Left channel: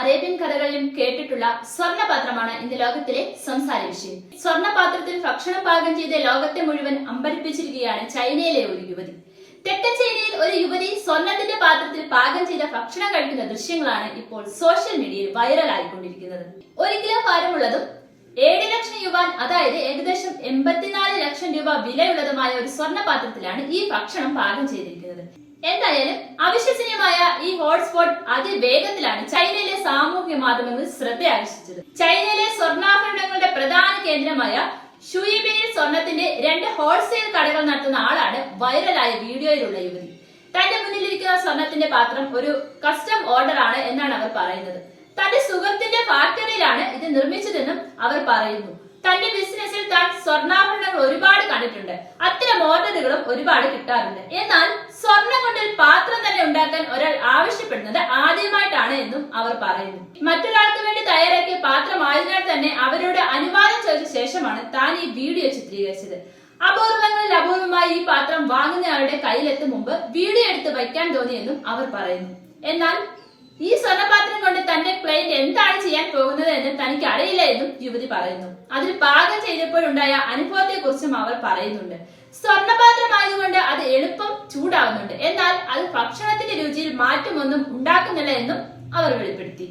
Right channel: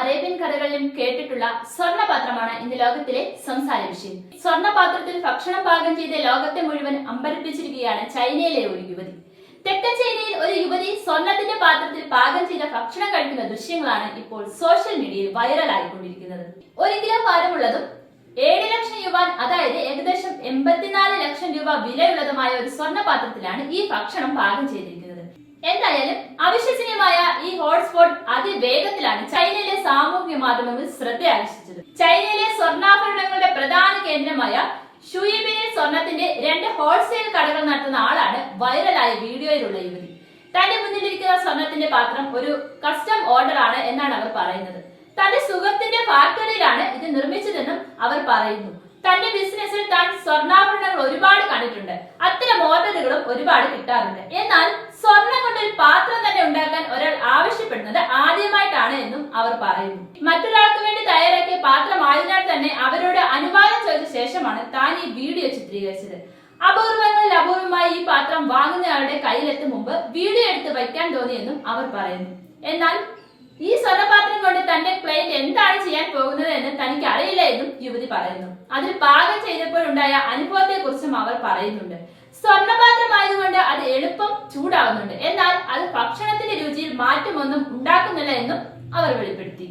Arabian കഥകളിലും കേട്ടിട്ടുള്ള സ്വർണപാത്രമാണ് ഇന്ന് ലോകത്തിലെ സംസാര വിഷയം. സ്വർണപാത്രത്തിൽ ഭക്ഷണം പാകം ചെയ്ത് ലോകത്തെ മുഴുവൻ അമ്പരപ്പിച്ചിരിക്കുകയാണ് ചൈനയിലെ ഒരു യുവതി. തെക്കൻ ചൈനയിൽ ഒരു യുവതി സ്വർണത്തിന്റെ പാത്രത്തിൽ പാകം ചെയ്ത ഭക്ഷണം കഴിക്കുന്ന ദൃശ്യങ്ങളാണ് ഇപ്പോൾ സോഷ്യൽ മീഡിയയിൽ വൈറലായിക്കൊണ്ടിരിക്കുന്നത്. ഒരു കിലോ ഭാരമുള്ളതും ഏഴ് ലക്ഷം യുവാൻ അതായത് ഏകദേശം എൺപത്തിനാല് ലക്ഷം രൂപ വിലയുള്ളതുമായ ഒരു സ്വർണപാത്രത്തിലാണ് ഈ ഭക്ഷണം പാകം ചെയ്തിരിക്കുന്നത്. എന്തായാലും അവിശ്വസനീയമായ ഹോട്ട്സ്പോട്ട് അതിവേഗത്തിലാണ് ചൈനയിലെ സാമൂഹ്യ മാധ്യമങ്ങൾ ശ്രദ്ധ ആകർഷിച്ചത്. ചൈനയിലെ സ്വർണാഭരണങ്ങളുടെ പ്രധാന കേന്ദ്രമായ ഷുയിബിനിൽ സ്വർണത്തിന്റെ രണ്ട് ഹോൾസെയിൽ കടകൾ നടത്തുന്ന ആളാണ് വൈറലായ വീഡിയോയിലുള്ള യുവതി. തന്റെ മുന്നിലിരിക്കുന്ന സ്വർണത്തിന്റെ പാത്രം ഒരു കസ്റ്റം ഓർഡർ ആണ് എന്നാണ് അവർ പറയുന്നത്. തന്റെ സുഹൃത്തിന്റെ ഫാക്ടറിയിലാണ് ഇത് നിർമ്മിച്ചതെന്നും അവർ പറയുന്നു. തന്റെ ബിസിനസ്സിൽ താൻ സ്വർണാഭരണങ്ങൾ ഒരുപാട് കണ്ടിട്ടുണ്ട്. അത്തരം ഓർഡറുകളും ഒരുപാട് കിട്ടാറുണ്ട്. എന്നാൽ സ്വർണം കൊണ്ട് ഒരു പാത്രം ആദ്യമായിട്ടാണ് എന്നും അവർ പറയുന്നു. മറ്റൊരാൾക്ക് വേണ്ടി തയ്യാറാക്കിയ പാത്രമായതിനാൽ തന്നെ അവരോട് അനുവാദം ചോദിച്ച ശേഷമാണ് താൻ ഈ വീഡിയോ ചിത്രീകരിച്ചത്. അപൂർവങ്ങളിൽ അപൂർവമായി ഈ പാത്രം വാങ്ങുന്നയാളുടെ കയ്യിലെത്തും മുമ്പ് വീഡിയോ എടുത്ത് വയ്ക്കാൻ തോന്നിയെന്നും അവർ പറയുന്നു. എന്നാൽ ഈ സ്വർണപാത്രം കൊണ്ട് തന്റെ ക്ലയന്റ് എന്താണ് ചെയ്യാൻ പോകുന്നത് എന്ന് തനിക്ക് അറിയില്ല എന്നും യുവതി പറയുന്നു. അതിൽ പാകം ചെയ്തപ്പോഴുണ്ടായ അനുഭവത്തെ കുറിച്ചും അവർ പറയുന്നുണ്ട്. സ്വർണപാത്രമായതുകൊണ്ട് അത് എളുപ്പം ചൂടാവുന്നുണ്ട്. എന്നാൽ അത് ഭക്ഷണത്തിന്റെ രുചിയിൽ മാറ്റമൊന്നും ഉണ്ടാക്കുന്നില്ല എന്നും അവർ വെളിപ്പെടുത്തി.